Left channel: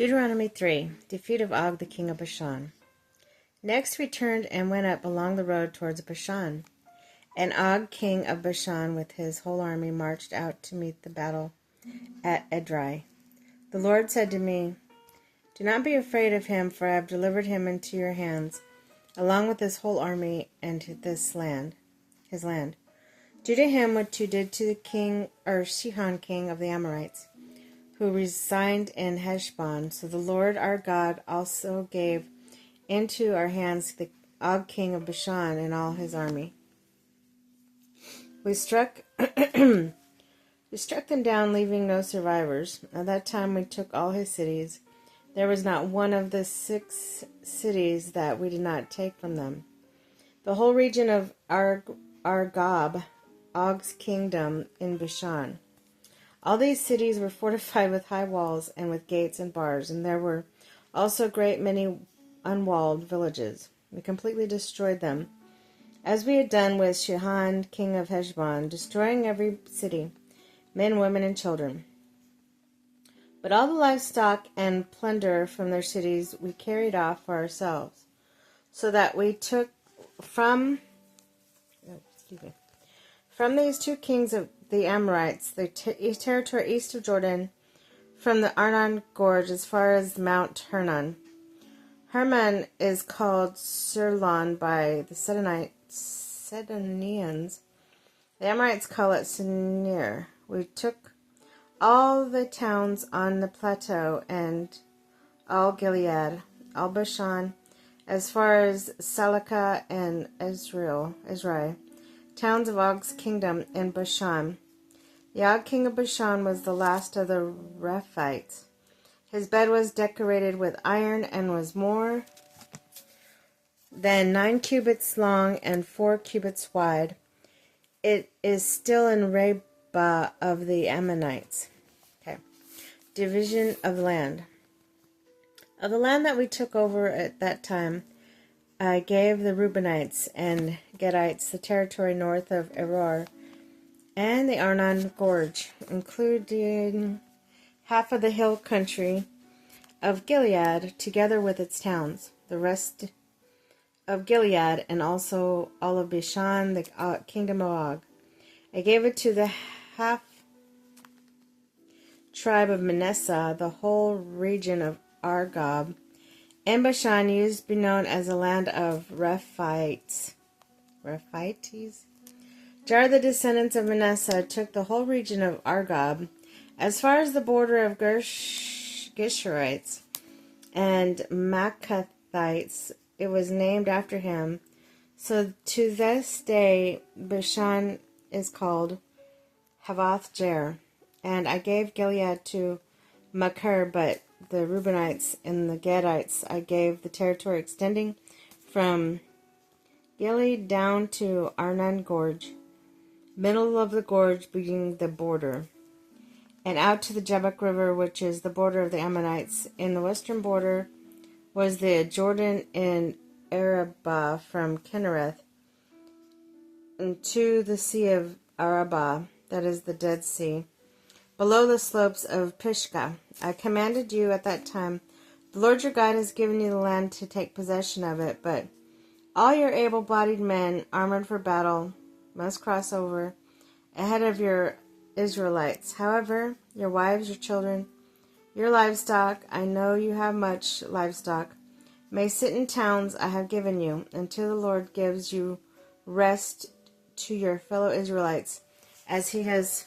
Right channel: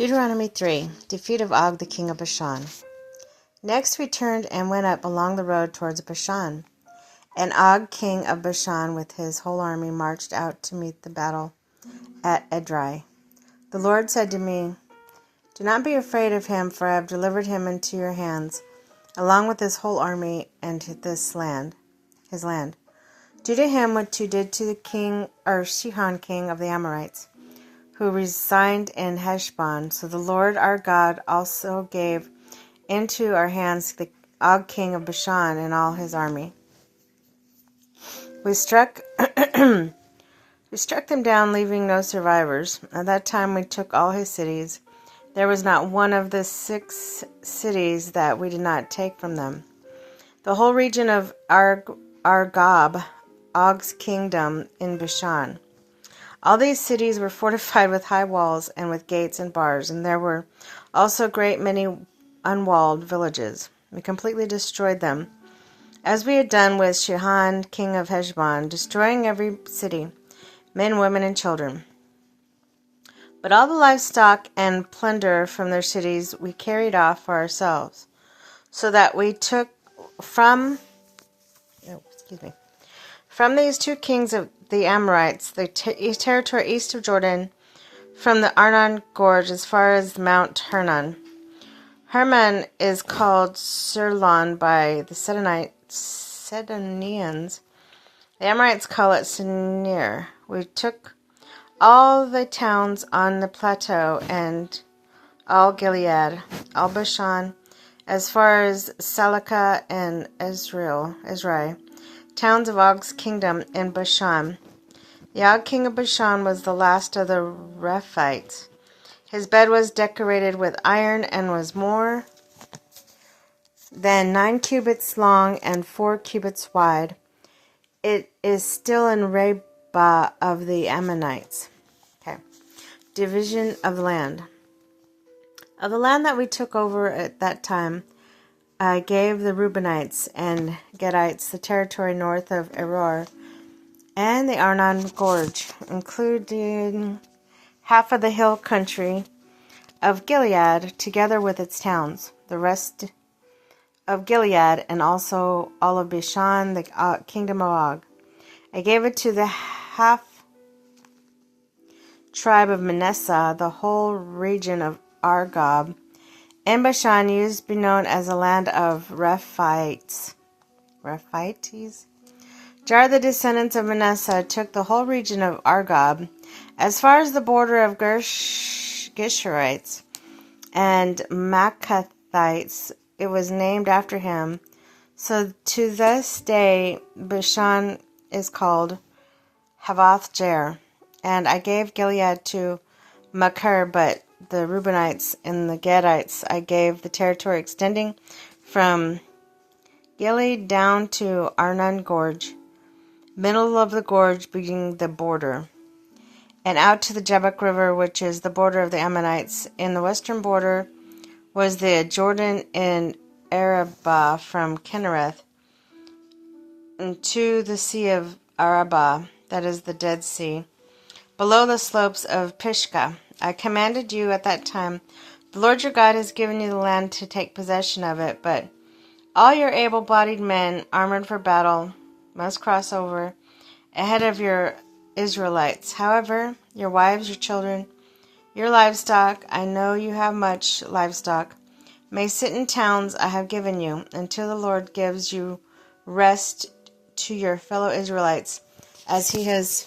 Deuteronomy 3. Defeat of Og, the king of Bashan. Next we turned and went up along the road towards Bashan. And Og, king of Bashan, with his whole army, marched out to meet the battle at Edrei. The Lord said to me, "Do not be afraid of him, for I have delivered him into your hands, along with his whole army and his land. Do to him what you did to the king, or Sihon, king of the Amorites, who resigned in Heshbon." So the Lord our God also gave into our hands the Og, king of Bashan, and all his army. We struck them down, leaving no survivors. At that time we took all his cities. There was not one of the 6 cities that we did not take from them. The whole region of Argob, Og's kingdom in Bashan. All these cities were fortified with high walls and with gates and bars, and there were also a great many unwalled villages. We completely destroyed them, as we had done with Sihon, king of Heshbon, destroying every city, men, women, and children. But all the livestock and plunder from their cities we carried off for ourselves, so that we took from these 2 kings of the Amorites the territory east of Jordan, from the Arnon Gorge as far as Mount Hermon. Hermon is called Sirlon by the Sidonians. The Amorites call it Sinir. We took all the towns on the plateau and all Gilead, all Bashan, as far as Salakah and Ezrai, towns of Og's kingdom in Bashan. The Og, king of Bashan, was the last of the Rephites. His bed was decorated with iron and was more than 9 cubits long and 4 cubits wide. It is still in Rabbah of the Ammonites. Division of the land. Of the land that we took over at that time, I gave the Reubenites and Gadites the territory north of Eror and the Arnon Gorge, including half of the hill country of Gilead, together with its towns, the rest of Gilead, and also all of Bashan, the kingdom of Og. I gave it to the half tribe of Manasseh, the whole region of Argob, and Bashan used to be known as the land of Rephites. Jar, the descendants of Manasseh, took the whole region of Argob, as far as the border of Geshurites and Maccathites. It was named after him. So to this day, Bashan is called Havoth Jair. And I gave Gilead to Machir, but the Reubenites and the Gadites I gave the territory extending from Gilead down to Arnon Gorge, middle of the gorge being the border, and out to the Jabbok River, which is the border of the Ammonites. In the western border was the Jordan and Arabah from Kinnereth to the Sea of Arabah, that is the Dead Sea, below the slopes of Pisgah. I commanded you at that time, the Lord your God has given you the land to take possession of it, but all your able-bodied men, armored for battle, must cross over ahead of your Israelites. However, your wives, your children, your livestock, I know you have much livestock, may sit in towns I have given you, until the Lord gives you rest to your fellow Israelites, as he has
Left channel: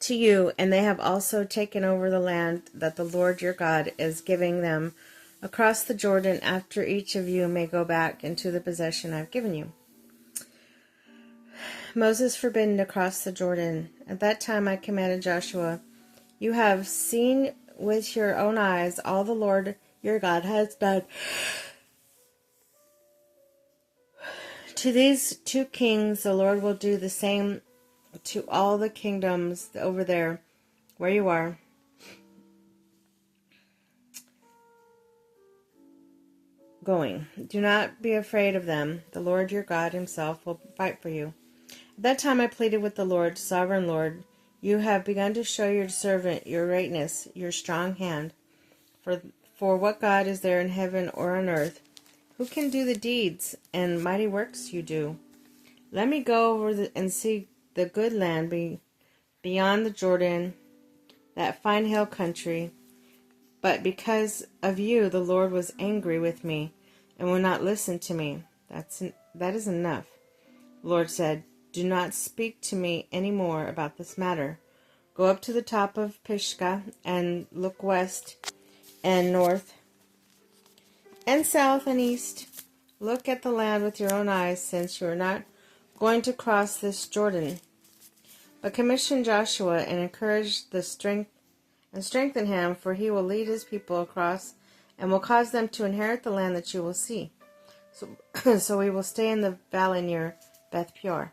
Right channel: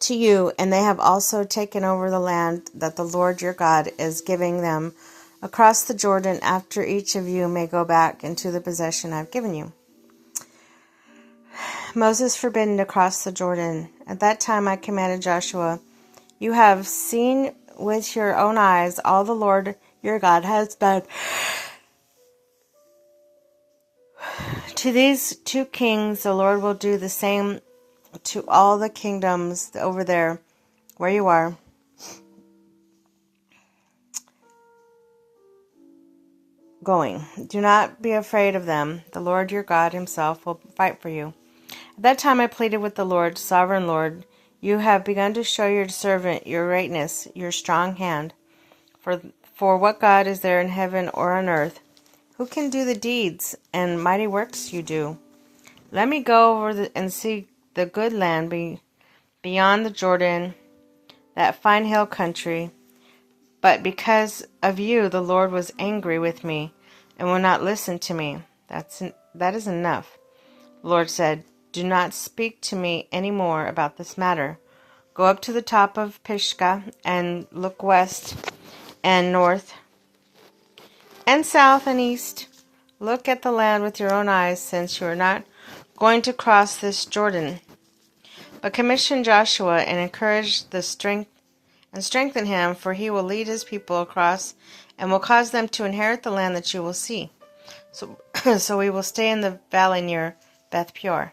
to you, and they have also taken over the land that the Lord your God is giving them across the Jordan, after each of you may go back into the possession I have given you. Moses forbidden to cross the Jordan. At that time I commanded Joshua, "You have seen with your own eyes all the Lord your God has done to these 2 kings. The Lord will do the same to all the kingdoms over there where you are. Going. Do not be afraid of them. The Lord your God himself will fight for you." At that time I pleaded with the Lord, "Sovereign Lord, You have begun to show your servant your greatness, your strong hand. For what God is there in heaven or on earth? Who can do the deeds and mighty works you do? Let me go over and see the good land beyond the Jordan, that fine hill country. But because of you, the Lord was angry with me and will not listen to me. That is enough. The Lord said, do not speak to me any more about this matter. Go up to the top of Pisgah and look west and north and south and east. Look at the land with your own eyes, since you are not going to cross this Jordan. But commission Joshua and encourage the strength and strengthen him, for he will lead his people across and will cause them to inherit the land that you will see. So we will stay in the valley near Beth Peor.